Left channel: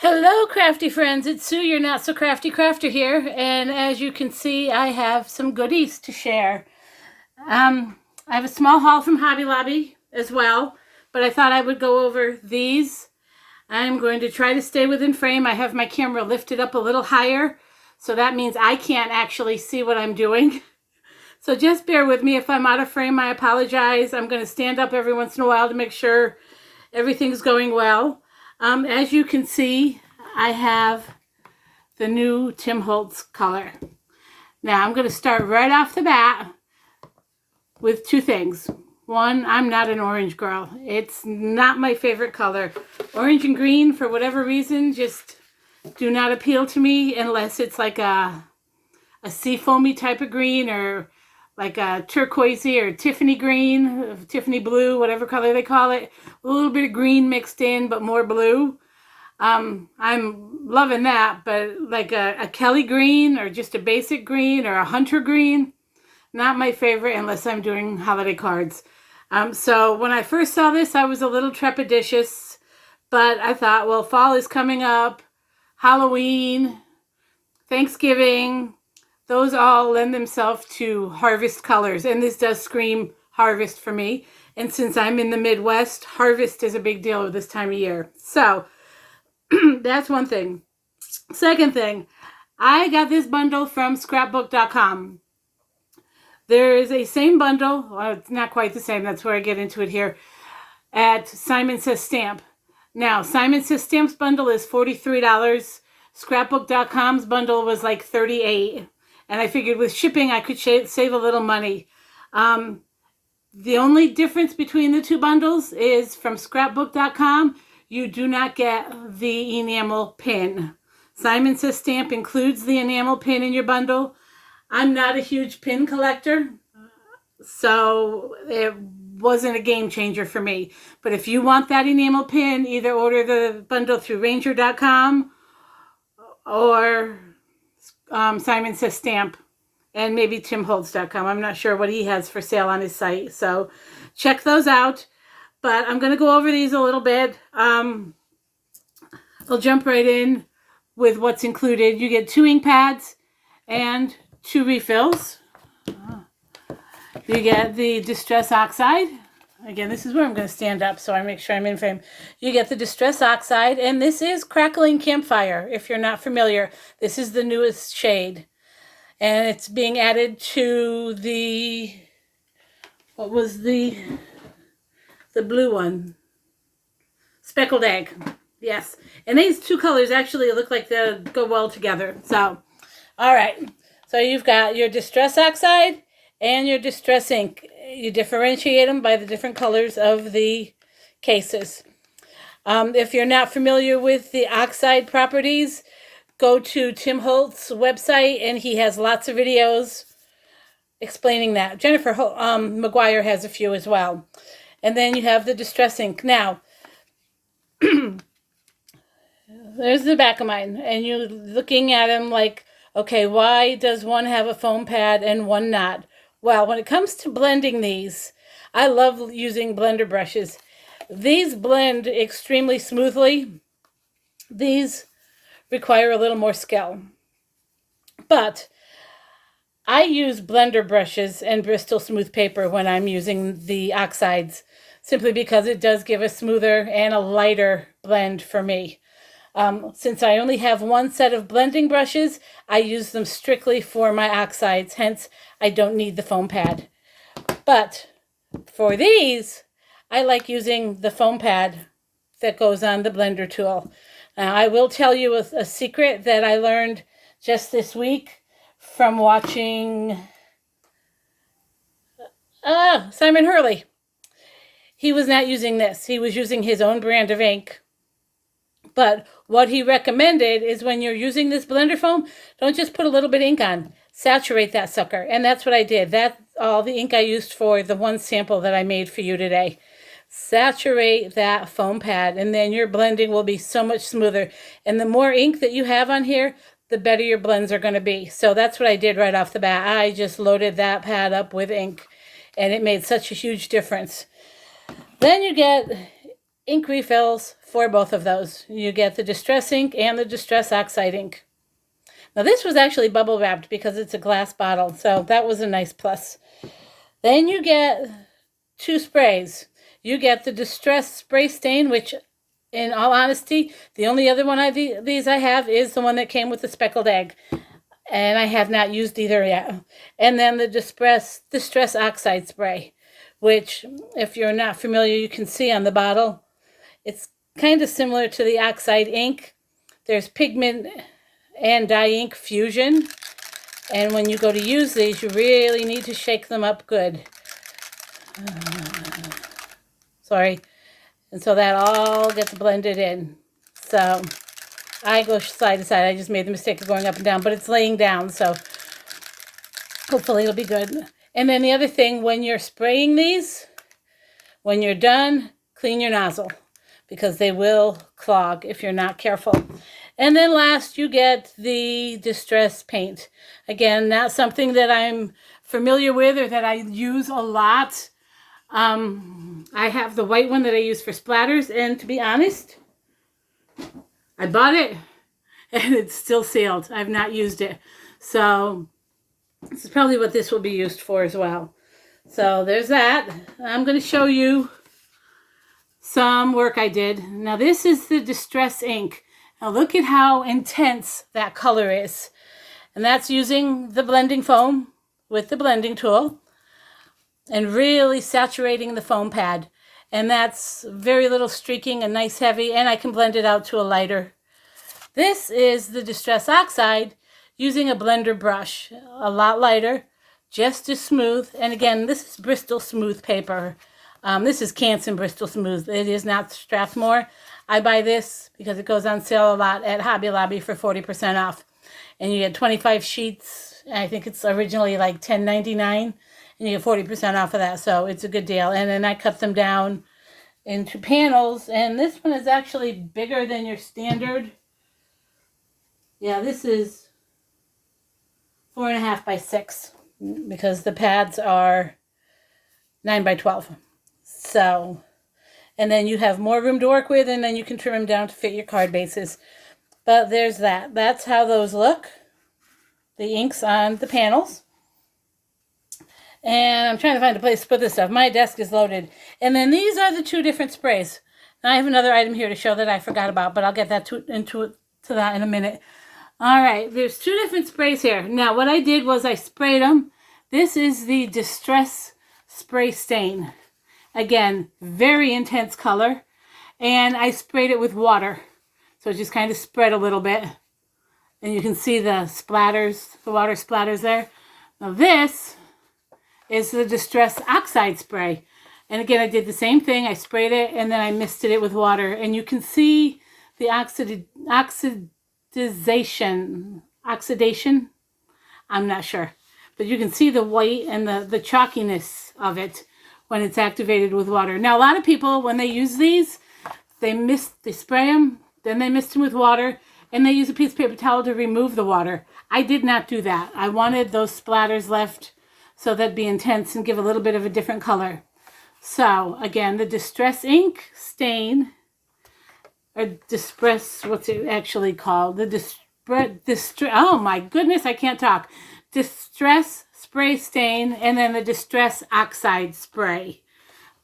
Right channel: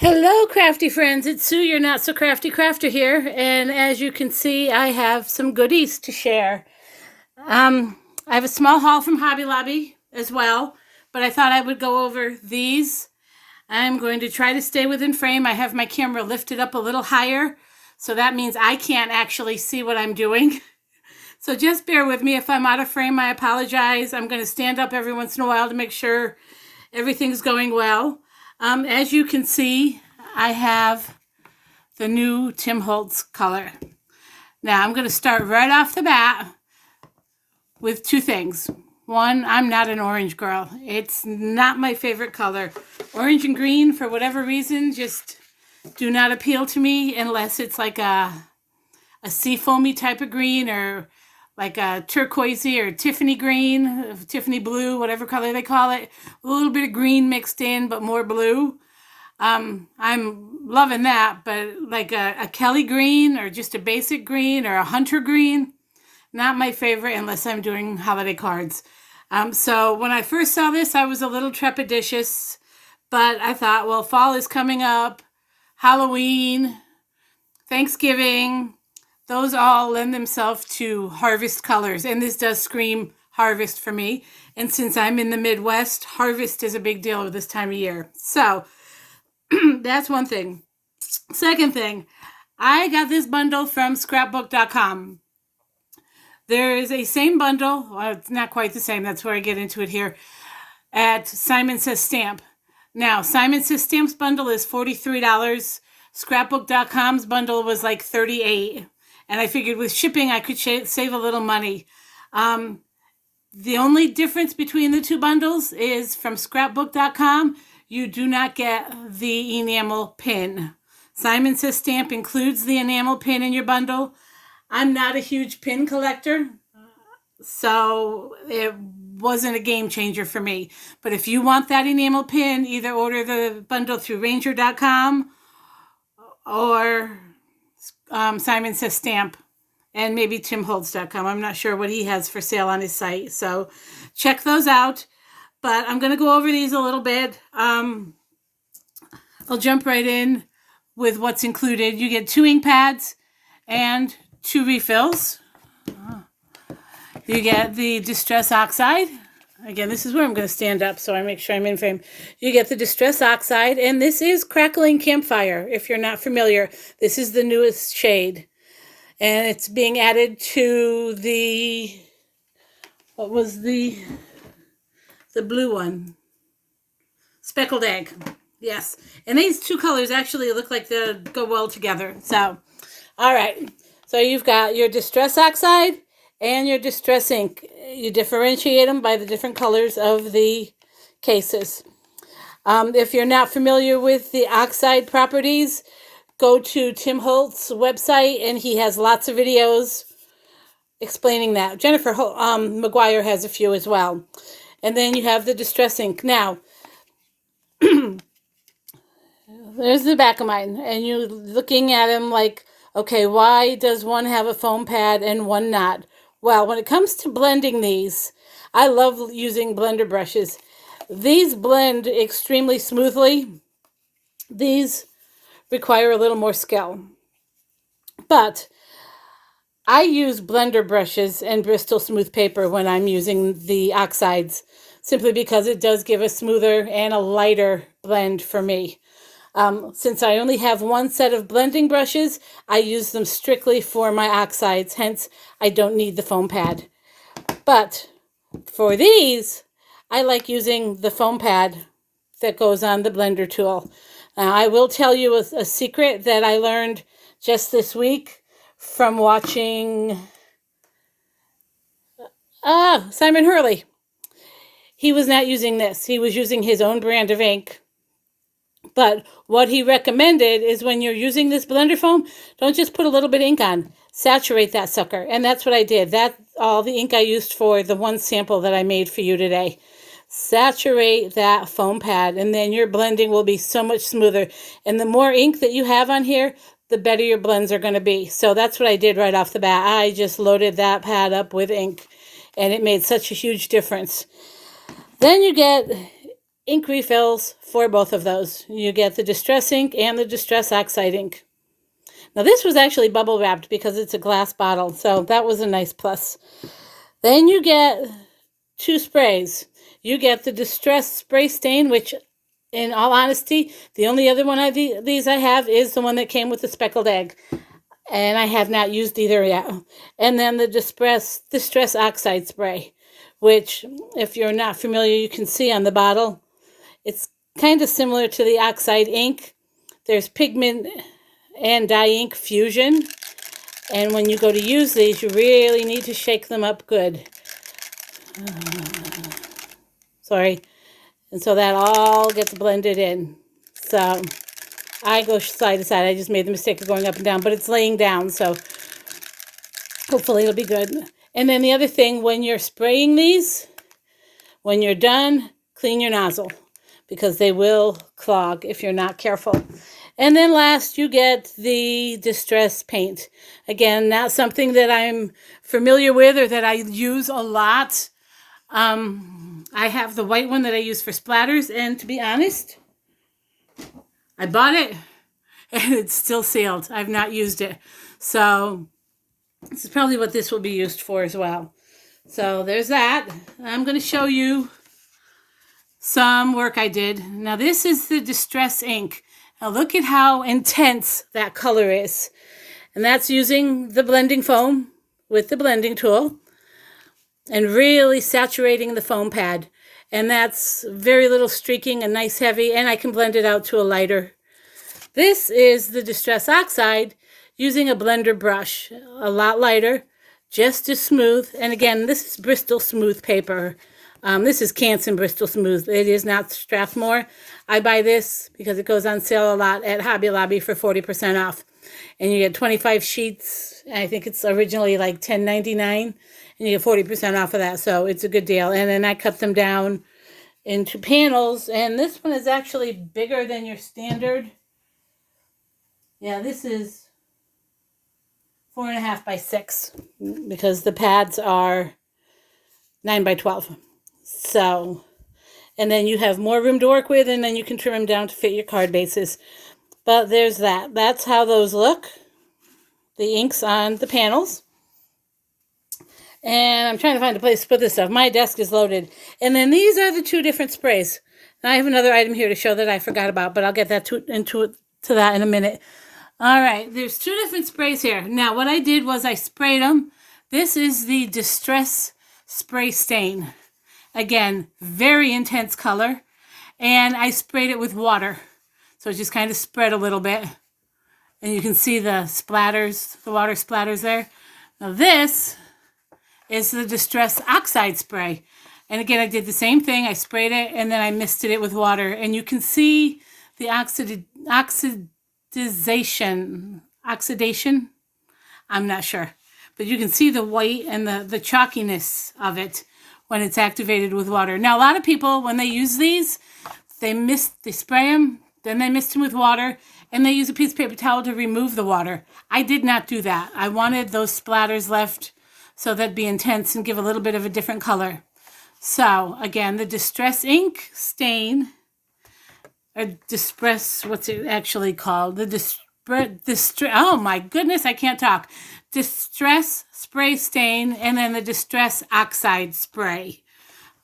Hello, crafty friends. It's Sue, your not so crafty crafter here, and as you can see, I have some goodies to share. I have a small haul from Hobby Lobby as well, but I thought I would go over these. I'm going to try to stay within frame. I have my camera lifted up a little higher, so that means I can't actually see what I'm doing. So just bear with me. If I'm out of frame, I apologize. I'm going to stand up every once in a while to make sure everything's going well. As you can see, I have the new Tim Holtz color. Now I'm going to start right off the bat with two things. One, I'm not an orange girl. It's not my favorite color. Orange and green, for whatever reason, just do not appeal to me unless it's like a seafoamy type of green, or like a turquoisey or Tiffany green, Tiffany blue, whatever color they call it. A little bit of green mixed in, but more blue. I'm loving that, but like a Kelly green or just a basic green or a hunter green, not my favorite unless I'm doing holiday cards. So when I first saw this, I was a little trepidatious, but I thought, well, fall is coming up, Halloween, Thanksgiving, those all lend themselves to harvest colors, and this does scream harvest for me. And since I'm in the Midwest, harvest is a big deal at this time of year. So that's one thing. Second thing, I got this bundle from Scrapbook.com. There is a same bundle, well, it's not quite the same, that's where I get into it here, at Simon Says Stamp. Now, Simon Says Stamp's bundle is $43. Scrapbook.com's bundle was like $38. And I figured with shipping, I could save a little money. The only difference between the two bundles is from Scrapbook.com, you do not get the enamel pin. Simon Says Stamp includes the enamel pin in your bundle. I'm not a huge pin collector, so it wasn't a game changer for me. But if you want that enamel pin, either order the bundle through Ranger.com or Simon Says Stamp, and maybe TimHoltz.com. I'm not sure what he has for sale on his site, so check those out. But I'm going to go over these a little bit. I'll jump right in with what's included. You get 2 ink pads and 2 refills. You get the Distress Oxide. Again, this is where I'm going to stand up so I make sure I'm in frame. You get the Distress Oxide, and this is Crackling Campfire. If you're not familiar, this is the newest shade. And it's being added to the, what was the blue one? Speckled Egg. Yes. And these two colors actually look like they go well together. So, all right. So you've got your Distress Oxide and your Distress Ink. You differentiate them by the different colors of the cases. If you're not familiar with the Oxide properties, go to Tim Holtz's website, and he has lots of videos explaining that. Jennifer McGuire has a few as well. And then you have the Distress Ink. Now, there's the back of mine, and you're looking at them like, okay, why does one have a foam pad and one not? Well, when it comes to blending these, I love using blender brushes. These blend extremely smoothly. These require a little more skill. But I use blender brushes and Bristol smooth paper when I'm using the oxides, simply because it does give a smoother and a lighter blend for me. Since I only have one set of blending brushes, I use them strictly for my oxides, hence I don't need the foam pad. But for these, I like using the foam pad that goes on the blender tool. Now, I will tell you a secret that I learned just this week from watching Simon Hurley. He was not using this. He was using his own brand of ink. But what he recommended is when you're using this blender foam, don't just put a little bit of ink on. Saturate that sucker. And that's what I did. That's all the ink I used for the one sample that I made for you today. Saturate that foam pad, and then your blending will be so much smoother. And the more ink that you have on here, the better your blends are going to be. So that's what I did right off the bat. I just loaded that pad up with ink, and it made such a huge difference. Then you get ink refills for both of those. You get the Distress ink and the Distress Oxide ink. Now this was actually bubble wrapped because it's a glass bottle, so that was a nice plus. Then you get 2 sprays. You get the Distress Spray Stain, which in all honesty, the only other one of these I have is the one that came with the speckled egg. And I have not used either yet. And then the Distress Oxide Spray, which, if you're not familiar, you can see on the bottle. It's kind of similar to the Oxide ink. There's pigment and dye ink fusion. And when you go to use these, you really need to shake them up good. Sorry. And so that all gets blended in. So I go side to side. I just made the mistake of going up and down, but it's laying down, so hopefully it'll be good. And then the other thing, when you're spraying these, when you're done, clean your nozzle because they will clog if you're not careful. And then last, you get the Distress Paint. Again, not something that I'm familiar with or that I use a lot. I have the white one that I use for splatters, and to be honest, I bought it and it's still sealed. I've not used it. So this is probably what this will be used for as well. So there's that. I'm going to show you some work I did. Now this is the Distress ink. Now look at how intense that color is. And that's using the blending foam with the blending tool and really saturating the foam pad. And that's very little streaking and nice heavy, and I can blend it out to a lighter. This is the Distress Oxide using a blender brush, a lot lighter, just as smooth. And again, this is Bristol Smooth paper. This is Canson Bristol Smooth. It is not Strathmore. I buy this because it goes on sale a lot at Hobby Lobby for 40% off. And you get 25 sheets. I think it's originally like $10.99. And you get 40% off of that, so it's a good deal. And then I cut them down into panels, and this one is actually bigger than your standard. Yeah, this is 4.5 by 6 because the pads are 9 by 12. So, and then you have more room to work with, and then you can trim them down to fit your card bases. But there's that. That's how those look. The inks on the panels. And I'm trying to find a place to put this stuff. My desk is loaded. And then these are the 2 different sprays. And I have another item here to show that I forgot about, but I'll get that to that in a minute. All right, there's 2 different sprays here. Now, what I did was I sprayed them. This is the Distress Spray Stain. Again, very intense color. And I sprayed it with water. So it just kind of spread a little bit. And you can see the splatters, the water splatters there. Now this is the Distress Oxide Spray. And again, I did the same thing. I sprayed it and then I misted it with water. And you can see the oxidation. I'm not sure. But you can see the white and the chalkiness of it when it's activated with water. Now, a lot of people, when they use these, they spray them, then they mist them with water, and they use a piece of paper towel to remove the water. I did not do that. I wanted those splatters left so that'd be intense and give a little bit of a different color. So, again, the Distress ink stain, or Distress, what's it actually called? The oh my goodness, I can't talk. Distress Spray Stain, and then the Distress Oxide Spray.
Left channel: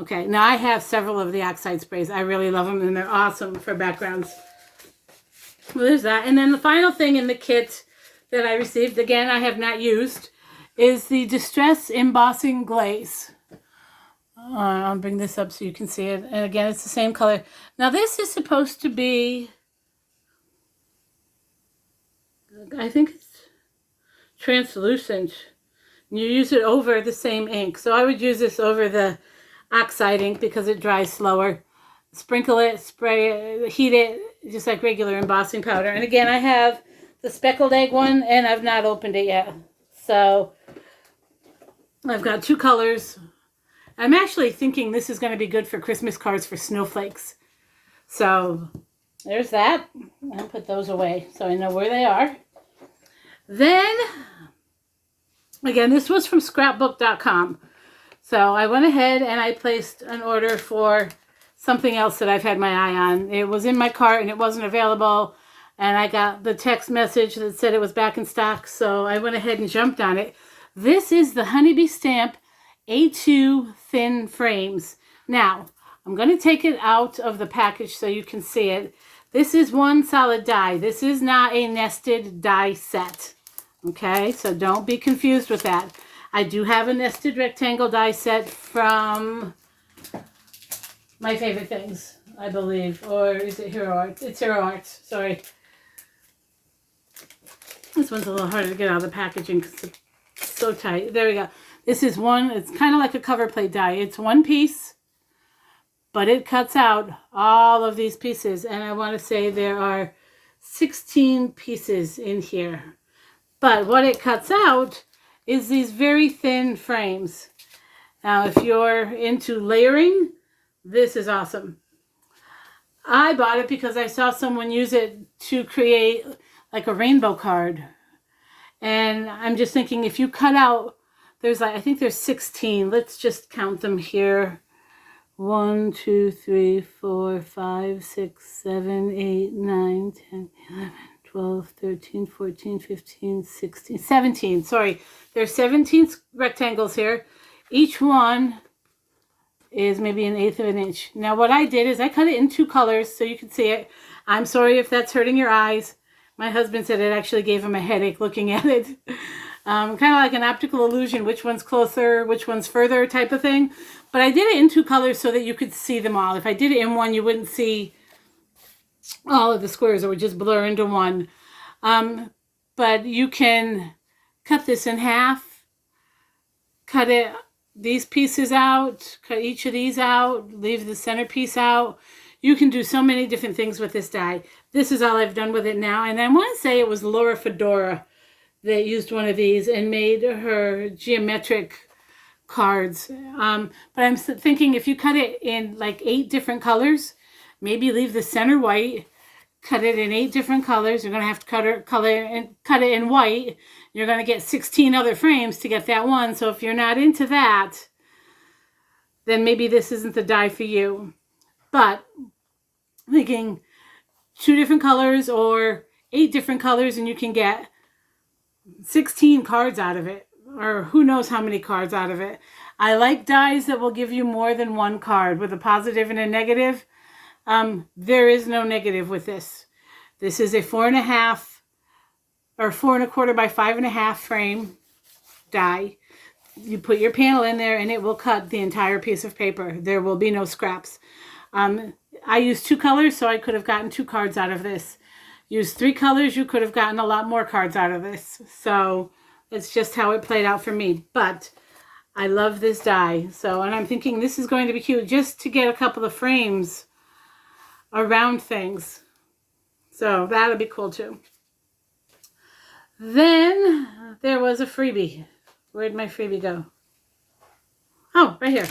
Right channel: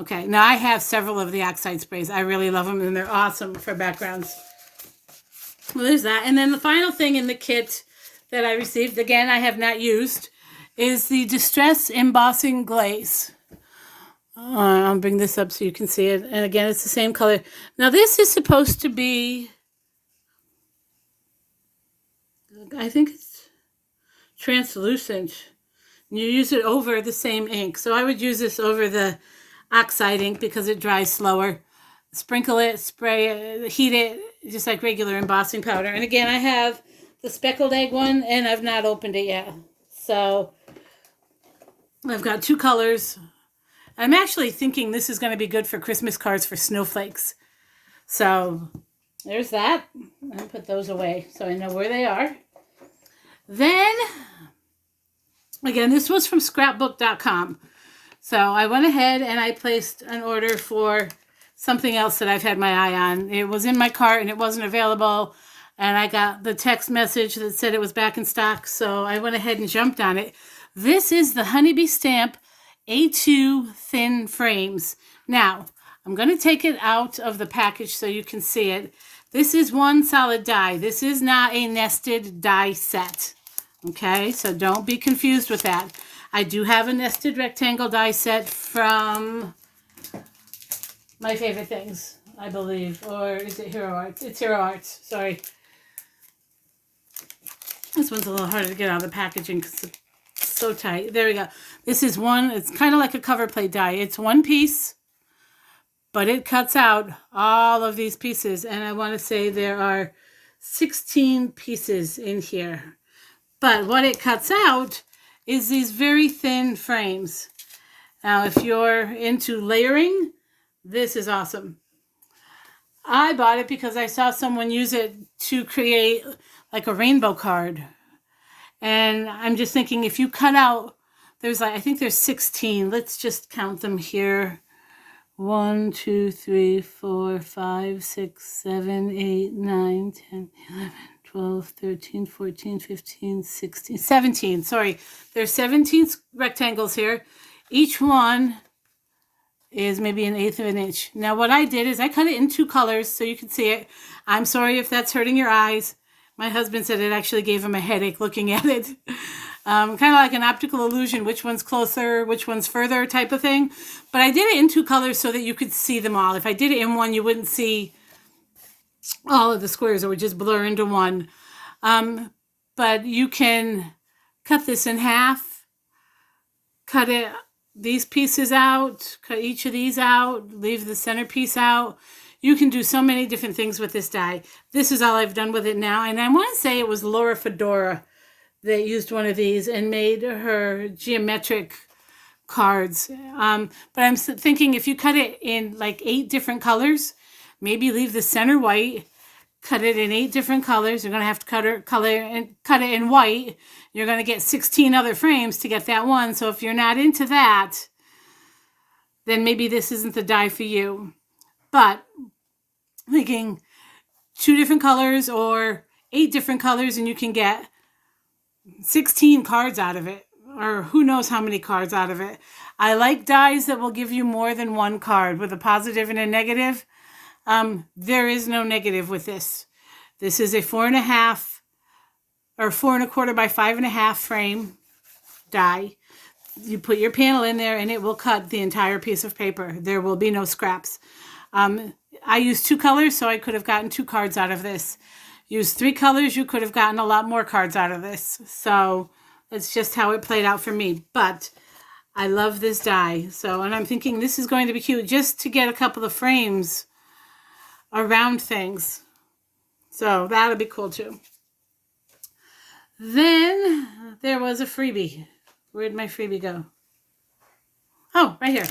Okay, now I have several of the Oxide sprays. I really love them, and they're awesome for backgrounds. Well, there's that. And then the final thing in the kit that I received, again, I have not used, is the Distress Embossing Glaze. I'll bring this up so you can see it. And again, it's the same color. Now, this is supposed to be, I think it's translucent. You use it over the same ink. So I would use this over the Oxide ink because it dries slower. Sprinkle it, spray it, heat it, just like regular embossing powder. And again, I have the speckled egg one, and I've not opened it yet. So I've got 2 colors. I'm actually thinking this is going to be good for Christmas cards for snowflakes. So there's that. I'll put those away so I know where they are. Then, again, this was from Scrapbook.com. So I went ahead and I placed an order for something else that I've had my eye on. It was in my cart and it wasn't available. And I got the text message that said it was back in stock. So I went ahead and jumped on it. This is the Honeybee Stamp A2 Thin Frames. Now, I'm going to take it out of the package so you can see it. This is one solid die. This is not a nested die set. Okay, so don't be confused with that. I do have a nested rectangle die set from My Favorite Things, I believe. Or is it Hero Arts? It's Hero Arts, sorry. This one's a little harder to get out of the packaging because it's so tight. There we go. This is one, it's kind of like a cover plate die. It's one piece, but it cuts out all of these pieces. And I want to say there are 16 pieces in here. But what it cuts out is these very thin frames. Now, if you're into layering, this is awesome. I bought it because I saw someone use it to create like a rainbow card. And I'm just thinking, if you cut out, there's like, I think there's 16. Let's just count them here. 1, 2, 3, 4, 5, 6, 7, 8, 9, 10, 11, 12, 13, 14, 15, 16, 17. Sorry, there's 17 rectangles here. Each one is maybe 1/8 of an inch. Now what I did is I cut it in 2 colors so you can see it. I'm sorry if that's hurting your eyes. My husband said it actually gave him a headache looking at it. Kind of like an optical illusion, which one's closer, which one's further type of thing. But I did it in 2 colors so that you could see them all. If I did it in one, you wouldn't see all of the squares. It would just blur into one. But you can cut this in half, cut these pieces out, cut each of these out, leave the centerpiece out. You can do so many different things with this die. This is all I've done with it now. And I want to say it was Laura Fedora that used one of these and made her geometric cards. But I'm thinking if you cut it in like 8 different colors, maybe leave the center white, cut it in 8 different colors. You're going to have to cut it in white. You're going to get 16 other frames to get that one. So if you're not into that, then maybe this isn't the die for you. But thinking 2 different colors or 8 different colors and you can get 16 cards out of it, or who knows how many cards out of it. I like dies that will give you more than one card with a positive and a negative. There is no negative with this. This is a 4.5 or 4 1/4 by 5.5 frame die. You put your panel in there and it will cut the entire piece of paper. There will be no scraps. I used 2 colors, so I could have gotten 2 cards out of this. Use 3 colors, you could have gotten a lot more cards out of this. So that's just how it played out for me. But I love this die. So, and I'm thinking this is going to be cute just to get a couple of frames around things. So that'll be cool too. Then there was a freebie. Where'd my freebie go? Oh, right here.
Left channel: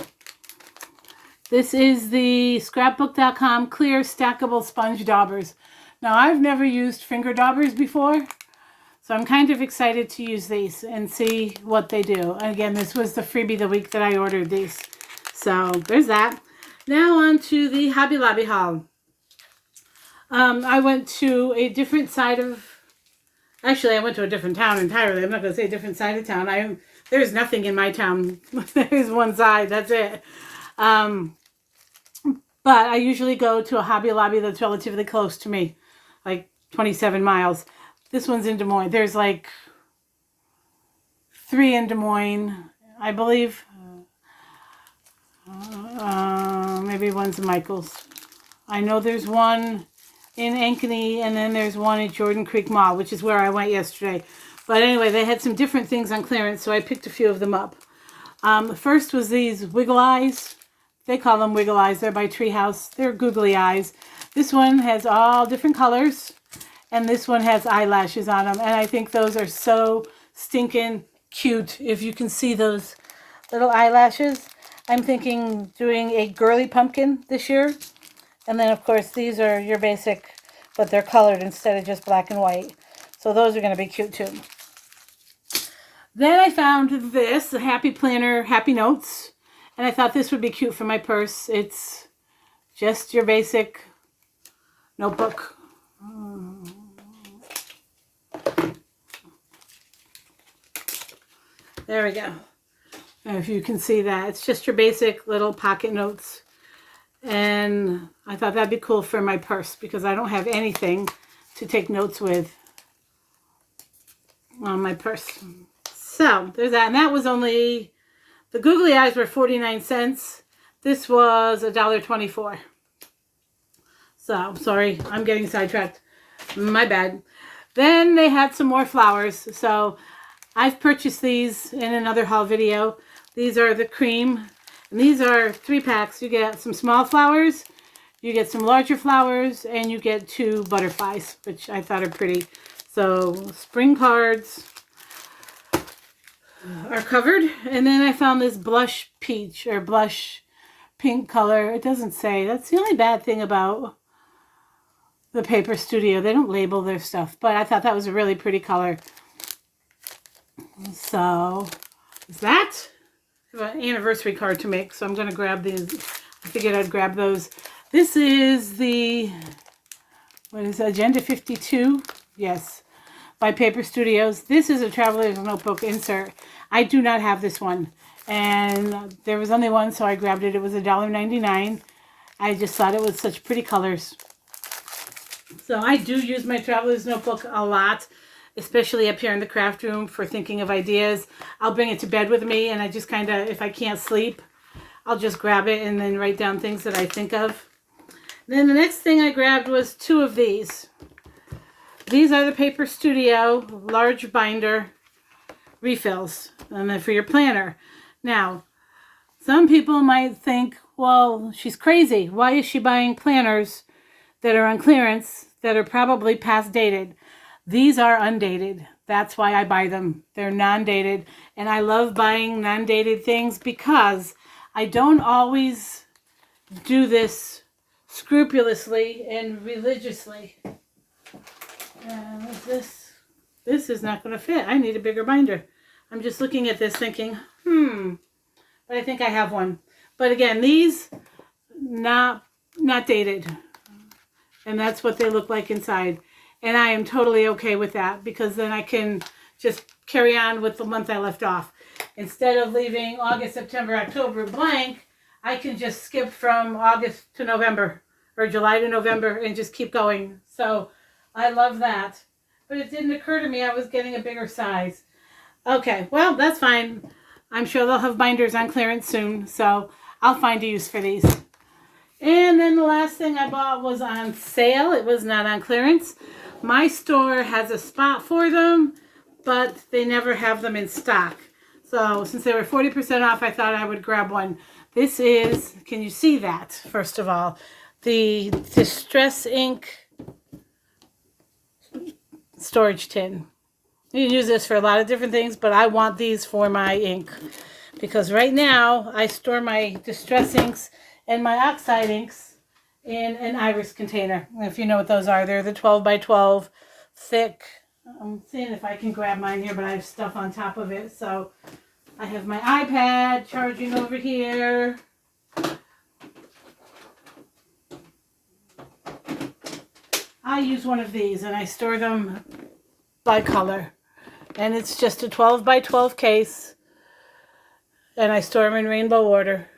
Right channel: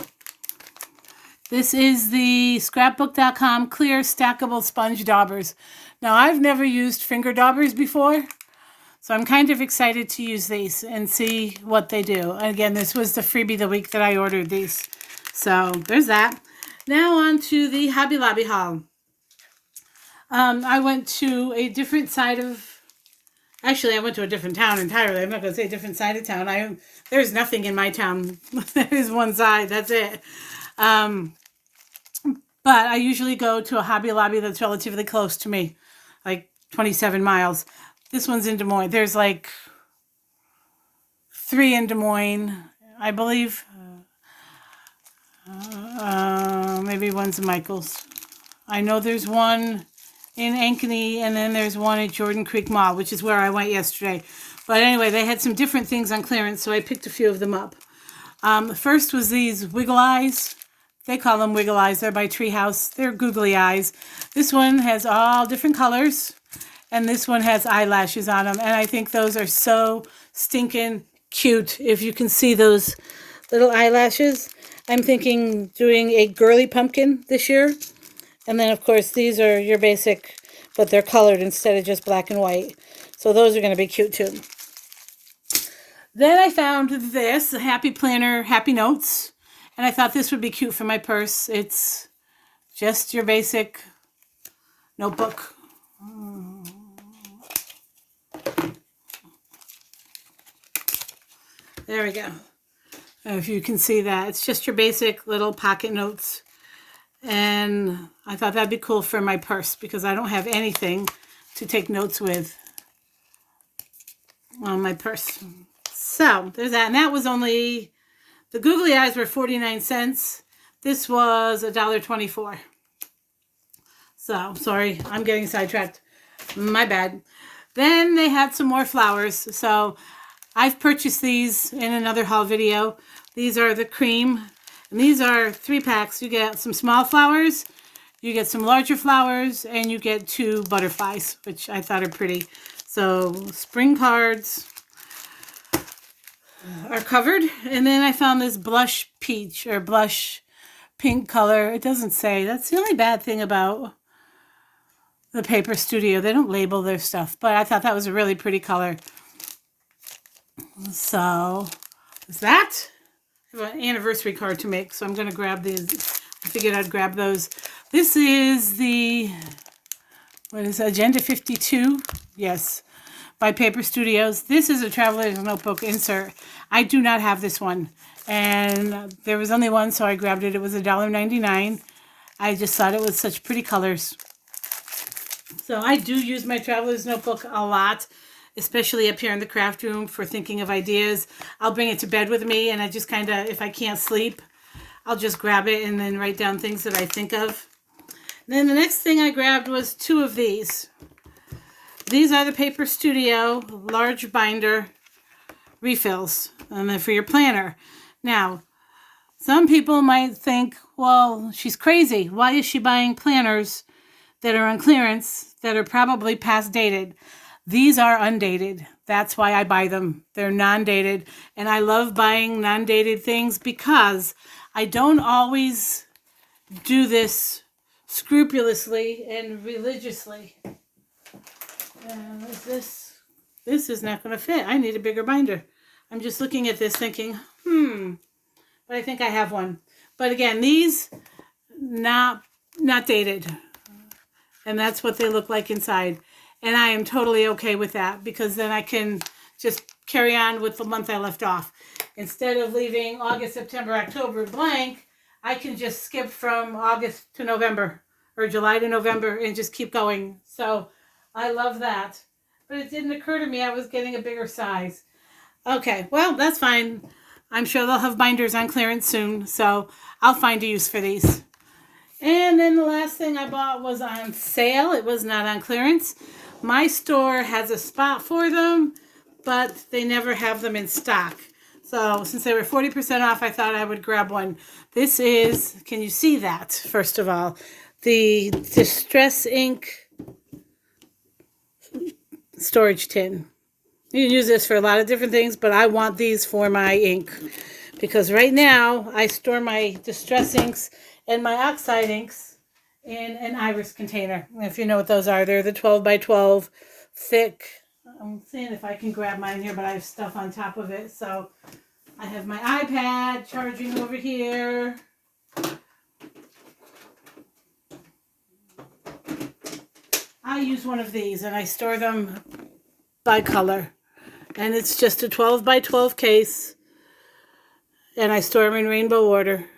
This is the Scrapbook.com Clear Stackable Sponge Daubers. Now, I've never used finger daubers before, so I'm kind of excited to use these and see what they do. And again, this was the freebie the week that I ordered these. So there's that. Now on to the Hobby Lobby haul. I went to a different side of... Actually, I went to a different town entirely. I'm not going to say a different side of town. There's nothing in my town. There's one side. That's it. But I usually go to a Hobby Lobby that's relatively close to me, like 27 miles. This one's in Des Moines. There's like 3 in Des Moines, I believe. Maybe one's in Michael's. I know there's one in Ankeny, and then there's one at Jordan Creek Mall, which is where I went yesterday. But anyway, they had some different things on clearance, so I picked a few of them up. First was these Wiggle Eyes. They call them Wiggle Eyes. They're by Treehouse. They're googly eyes. This one has all different colors, and this one has eyelashes on them. And I think those are so stinking cute. If you can see those little eyelashes. I'm thinking doing a girly pumpkin this year. And then, of course, these are your basic, but they're colored instead of just black and white. So those are going to be cute, too. Then I found this, the Happy Planner Happy Notes. And I thought this would be cute for my purse. It's just your basic notebook. There we go. If you can see that, it's just your basic little pocket notes. And I thought that'd be cool for my purse because I don't have anything to take notes with on my purse. So there's that. And that was only, the googly eyes were 49 cents. This was $1.24. So sorry, I'm getting sidetracked. My bad. Then they had some more flowers. So I've purchased these in another haul video. These are the cream. And these are 3 packs. You get some small flowers, you get some larger flowers, and you get 2 butterflies, which I thought are pretty. So spring cards are covered. And then I found this blush peach or blush pink color. It doesn't say. That's the only bad thing about the Paper Studio. They don't label their stuff, but I thought that was a really pretty color. So is that? I have an anniversary card to make, so I'm going to grab these. I figured I'd grab those. This is the, what is it, Agenda 52? Yes, by Paper Studios. This is a Traveler's Notebook insert. I do not have this one, and there was only one, so I grabbed it. It was $1.99. I just thought it was such pretty colors. So I do use my Traveler's Notebook a lot, especially up here in the craft room for thinking of ideas. I'll bring it to bed with me, and I just kind of, if I can't sleep, I'll just grab it and then write down things that I think of. Then the next thing I grabbed was 2 of these. These are the Paper Studio large binder refills, and then for your planner. Now, some people might think, well, she's crazy. Why is she buying planners that are on clearance that are probably past dated? These are undated. That's why I buy them. They're non-dated. And I love buying non-dated things because I don't always do this scrupulously and religiously. This is not going to fit. I need a bigger binder. I'm just looking at this thinking, but I think I have one. But again, these not dated. And that's what they look like inside. And I am totally okay with that because then I can just carry on with the month I left off. Instead of leaving August, September, October blank, I can just skip from August to November or July to November and just keep going. So I love that. But it didn't occur to me I was getting a bigger size. Okay, well, that's fine. I'm sure they'll have binders on clearance soon, so I'll find a use for these. And then the last thing I bought was on sale. It was not on clearance. My store has a spot for them, but they never have them in stock. So since they were 40% off, I thought I would grab one. This is, can you see that, first of all? The Distress Ink storage tin. You can use this for a lot of different things, but I want these for my ink. Because right now, I store my Distress Inks and my Oxide inks in an iris container. If you know what those are, they're the 12 by 12 thick. I'm seeing if I can grab mine here, but I have stuff on top of it. So I have my iPad charging over here. I use one of these and I store them by color. And it's just a 12 by 12 case. And I store them in rainbow order.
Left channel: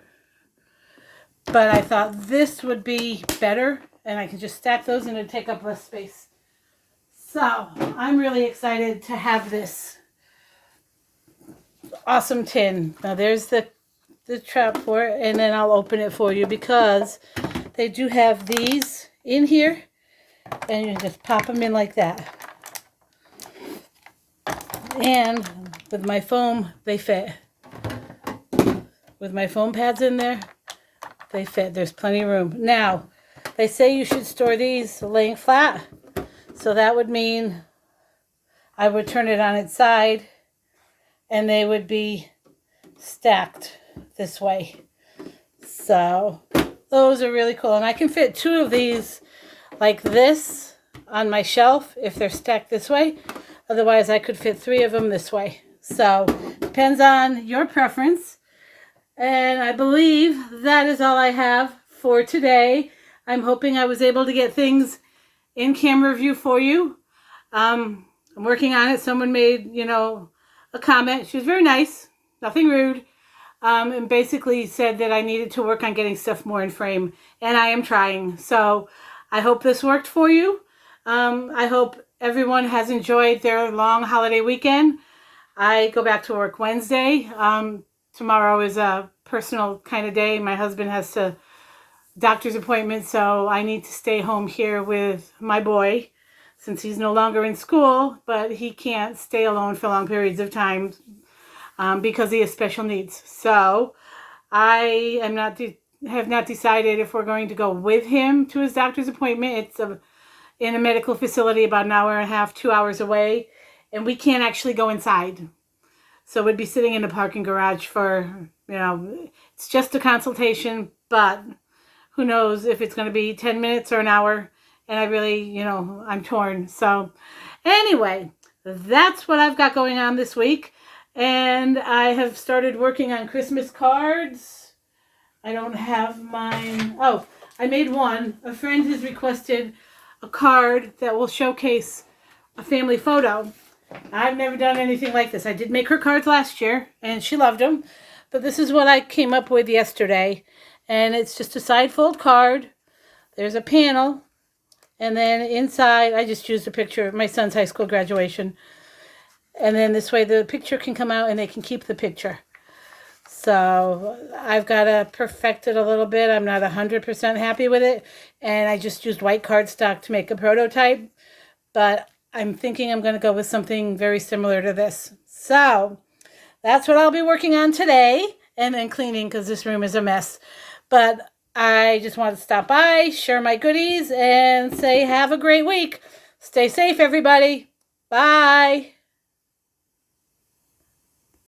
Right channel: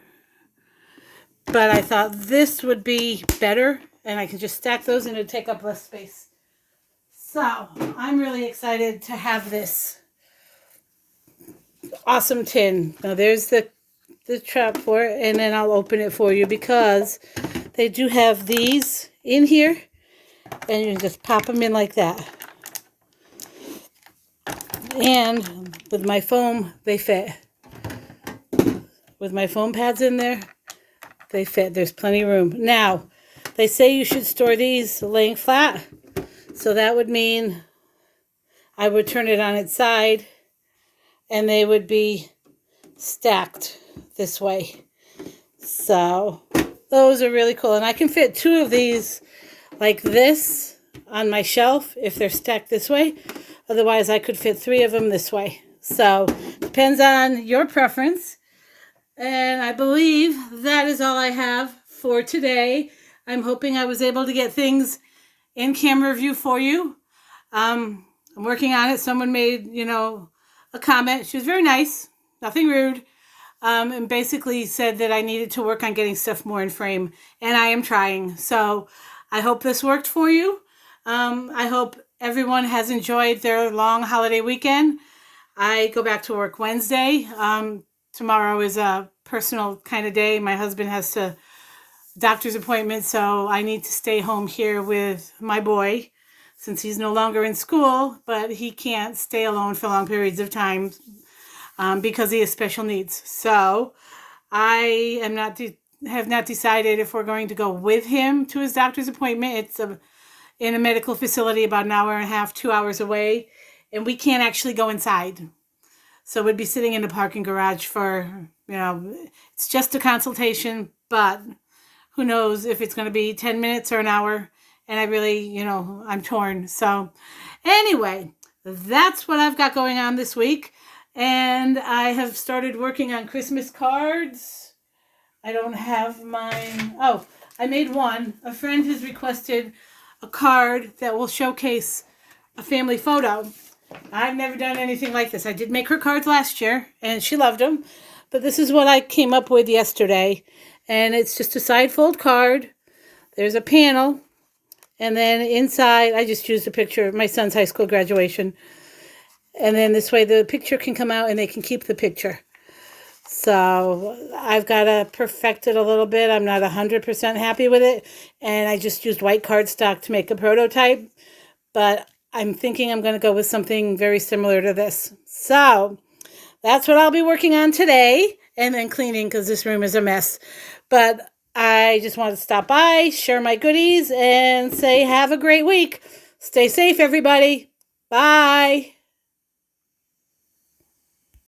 But I thought this would be better, and I could just stack those and it'd take up less space. So I'm really excited to have this awesome tin. Now there's the trap for it, and then I'll open it for you because they do have these in here, and you just pop them in like that. And with my foam, they fit. With my foam pads in there, they fit. There's plenty of room. Now, they say you should store these laying flat. So that would mean I would turn it on its side and they would be stacked this way. So those are really cool. And I can fit 2 of these like this on my shelf if they're stacked this way. Otherwise, I could fit 3 of them this way. So depends on your preference. And I believe that is all I have for today. I'm hoping I was able to get things in camera view for you. I'm working on it. Someone made, a comment. She was very nice, nothing rude, and basically said that I needed to work on getting stuff more in frame, and I am trying. So I hope this worked for you. I hope everyone has enjoyed their long holiday weekend. I go back to work Wednesday. Tomorrow is a personal kind of day. My husband has a doctor's appointment, so I need to stay home here with my boy since he's no longer in school, but he can't stay alone for long periods of time because he has special needs. So I have not decided if we're going to go with him to his doctor's appointment. It's in a medical facility about an hour and a half, 2 hours away, and we can't actually go inside. So we'd be sitting in the parking garage for, it's just a consultation, but who knows if it's going to be 10 minutes or an hour. And I really, I'm torn. So anyway, that's what I've got going on this week. And I have started working on Christmas cards. I don't have mine. Oh, I made one. A friend has requested a card that will showcase a family photo. I've never done anything like this. I did make her cards last year, and she loved them. But this is what I came up with yesterday. And it's just a side fold card. There's a panel. And then inside, I just used a picture of my son's high school graduation. And then this way the picture can come out and they can keep the picture. So I've got to perfect it a little bit. I'm not 100% happy with it. And I just used white cardstock to make a prototype. But I'm thinking I'm going to go with something very similar to this. So that's what I'll be working on today. And then cleaning because this room is a mess. But I just wanted to stop by, share my goodies, and say have a great week. Stay safe, everybody. Bye.